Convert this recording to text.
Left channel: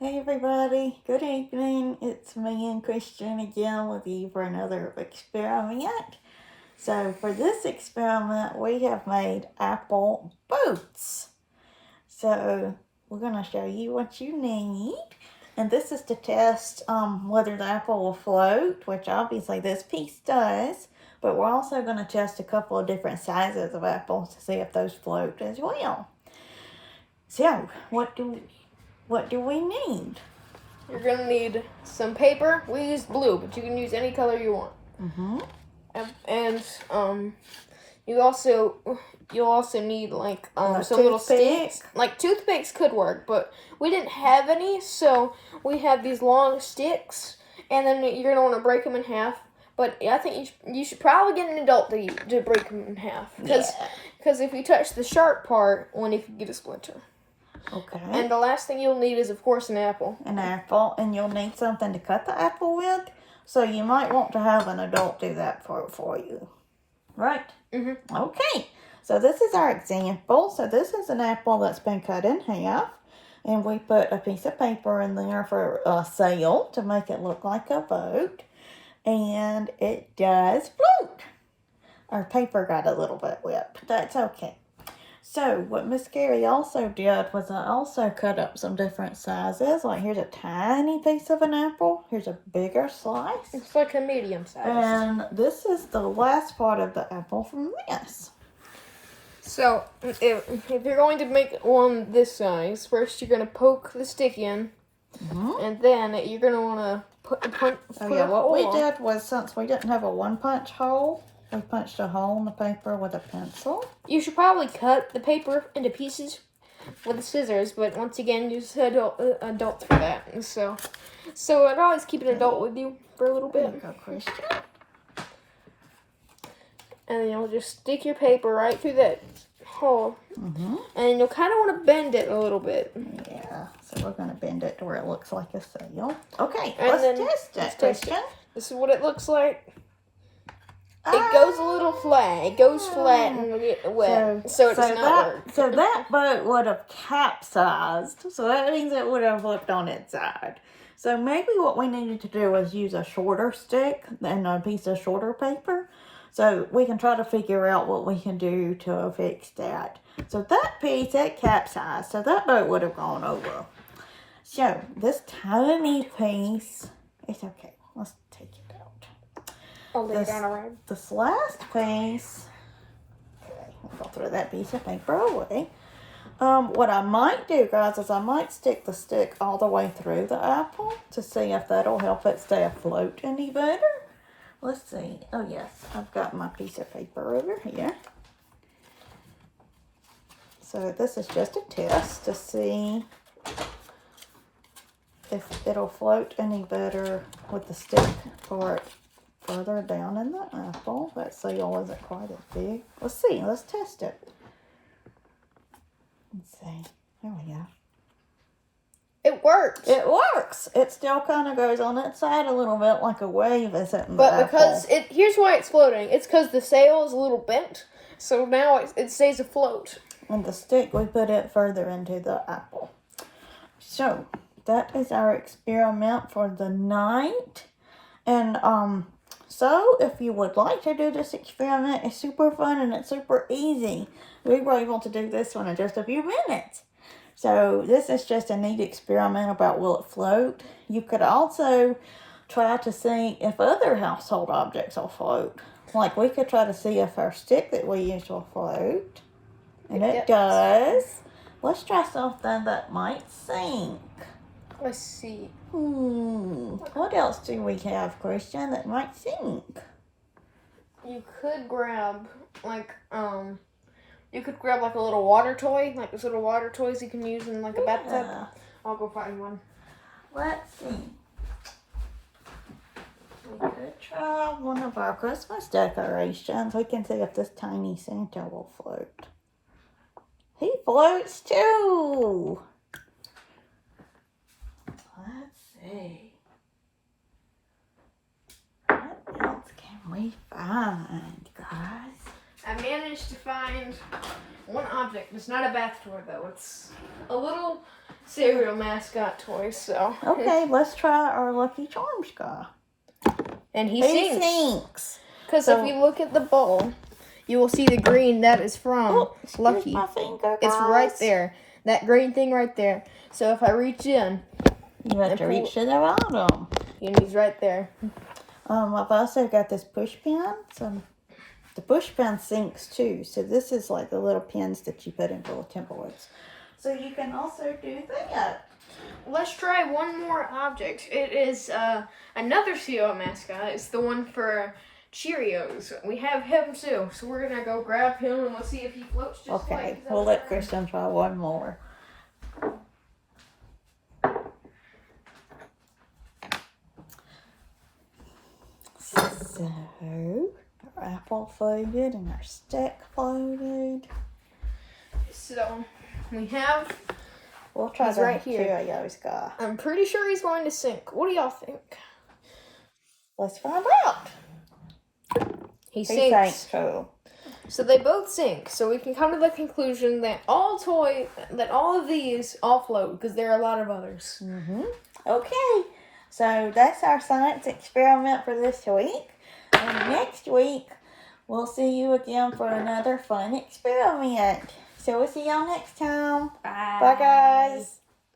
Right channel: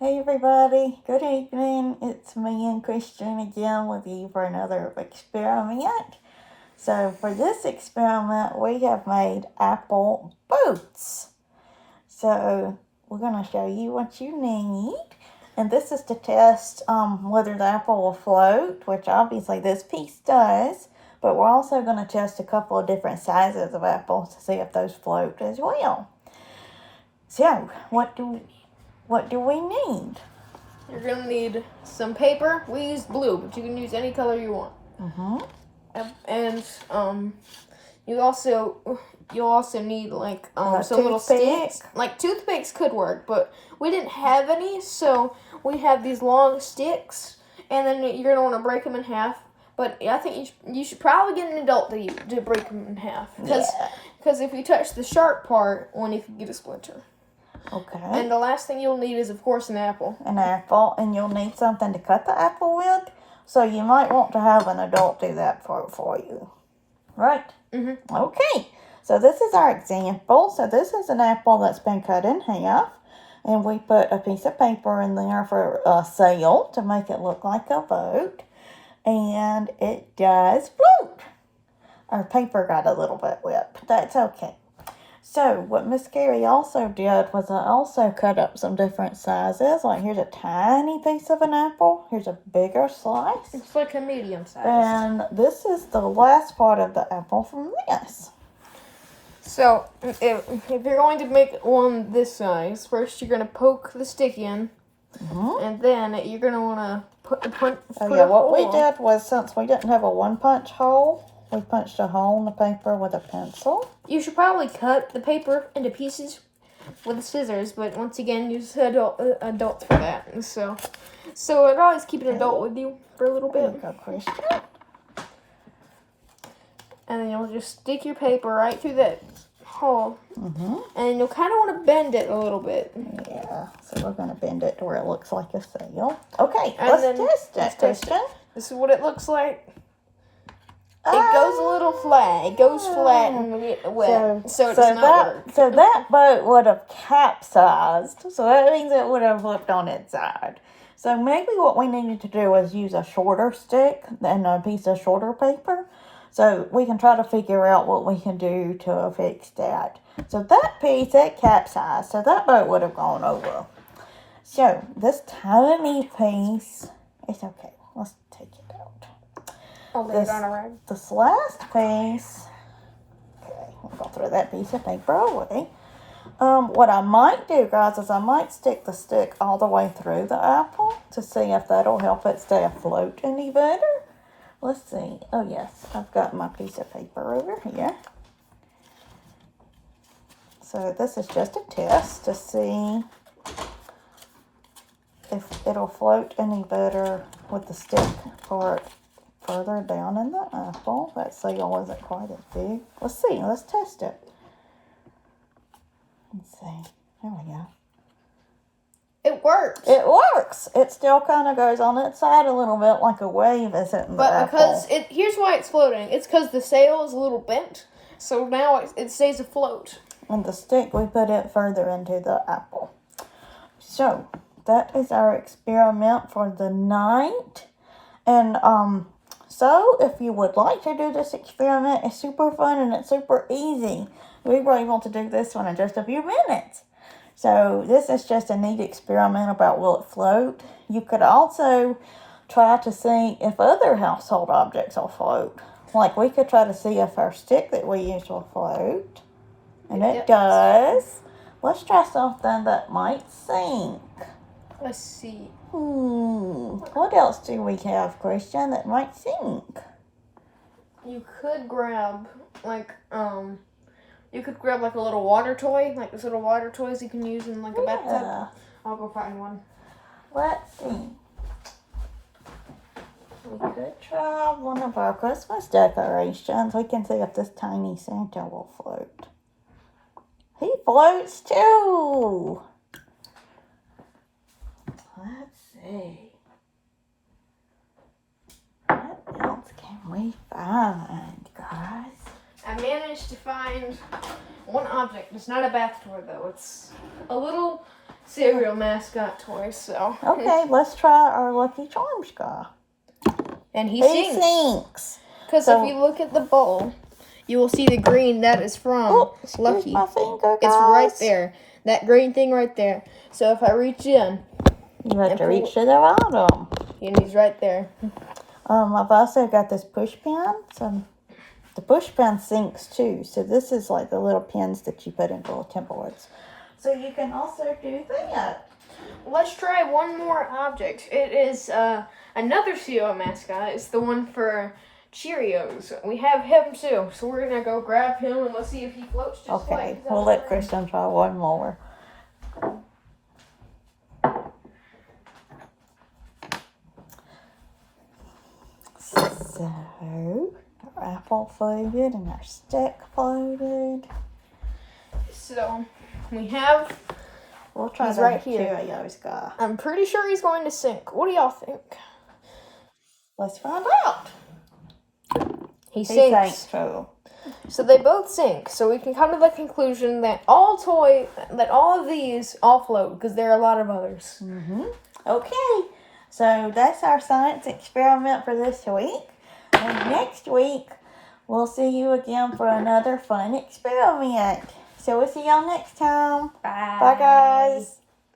Hey everybody, good evening. It's me and Christian again with you for another experiment. So for this experiment, we have made apple boats. So we're going to show you what you need. And this is to test whether the apple will float, which obviously this piece does. But we're also going to test a couple of different sizes of apples to see if those float as well. So what do we need? You're gonna need some paper. We used blue, but you can use any color you want. And you'll also need like some little sticks. Like toothpicks could work, but we didn't have any, so we have these long sticks, and then you're gonna want to break them in half. But I think you should probably get an adult to break them in half, because if you touch the sharp part, one you could get a splinter. Okay. And the last thing you'll need is, of course, an apple. An apple, and you'll need something to cut the apple with, so you might want to have an adult do that for you. Right? Mm-hmm. Okay, so this is our example. So this is an apple that's been cut in half, and we put a piece of paper in there for a sail to make it look like a boat, and it does float. Our paper got a little bit wet, but that's okay. So what Miss Carrie also did was I also cut up some different sizes. Like here's a tiny piece of an apple. Here's a bigger slice. It's like a medium size. And this is the last part of the apple from this. So if you're going to make one this size, first you're going to poke the stick in. And then you're going to want to put a what hole. we did was, since we didn't have a one-punch hole, we punched a hole in the paper with a pencil. You should probably cut the paper into pieces with the scissors, but once again, use adults for that. So I'd always keep an adult with you for a little bit. There you go, Christian. And then you'll just stick your paper right through that hole. And you'll kind of want to bend it a little bit. Yeah, so we're going to bend it to where it looks like a sail. Okay, and let's test it. This is what it looks like. It goes a little flat. It goes flat and get wet, so it does not work. So that boat would have capsized. So that means it would have flipped on its side. So maybe what we needed to do was use a shorter stick and a piece of shorter paper. So we can try to figure out what we can do to fix that. So that piece, it capsized. So that boat would have gone over. So this tiny piece, it's okay. Let's take it out. I'll lay it on a rag. This last piece, okay, we'll go throw that piece of paper away. What I might do, guys, is I might stick the stick all the way through the apple to see if that'll help it stay afloat any better. Let's see. Oh, yes, I've got my piece of paper over here. So this is just a test to see if it'll float any better with the stick part further down in the apple. That sail isn't quite as big. Let's see. Let's test it. Let's see. There we go. It works. It works. It still kind of goes on its side a little bit like a wave is hitting the apple. But because here's why it's floating. It's because the sail is a little bent, so now it stays afloat. And the stick, we put it further into the apple. So that is our experiment for the night. And so if you would like to do this experiment, it's super fun and it's super easy. We were able to do this one in just a few minutes. So this is just a neat experiment about will it float. You could also try to see if other household objects will float. Like we could try to see if our stick that we use will float. And it does. Let's try something that might sink. Let's see. What else do we have, Christian, that might sink? You could grab like a little water toy, like those little water toys you can use in like a bathtub. I'll go find one. Let's see. We could try one of our Christmas decorations. We can see if this tiny Santa will float. He floats too. Let's see. What else can we find, guys? I managed to find one object. It's not a bath toy though. It's a little cereal mascot toy, so. Okay, let's try our Lucky Charms guy. And he He sinks. sinks. Because So- if you look at the bowl, you will see the green that is from Oh, excuse Lucky. my finger, It's right guys. there. That green thing right there. So if I reach in, You have and to pull- reach to the bottom. and he's right there. I've also got this push pin. So the push pin sinks too. So this is like the little pins that you put in for templates. So you can also do that. Let's try one more object. It is another cereal mascot. It's the one for Cheerios. We have him too. So we're going to go grab him and let's see if he floats just Okay, like we'll let Kristen try one more. So, our apple floated and our stick floated. So we have... We'll try He's the right here. Cheerios guy. I'm pretty sure he's going to sink. What do y'all think? Let's find out. He He sinks. sank too. So they both sink. So we can come to the conclusion that all of these all float because there are a lot of others. Okay, so that's our science experiment for this week. And next week, we'll see you again for another fun experiment. So we'll see y'all next time. Bye. Bye, guys.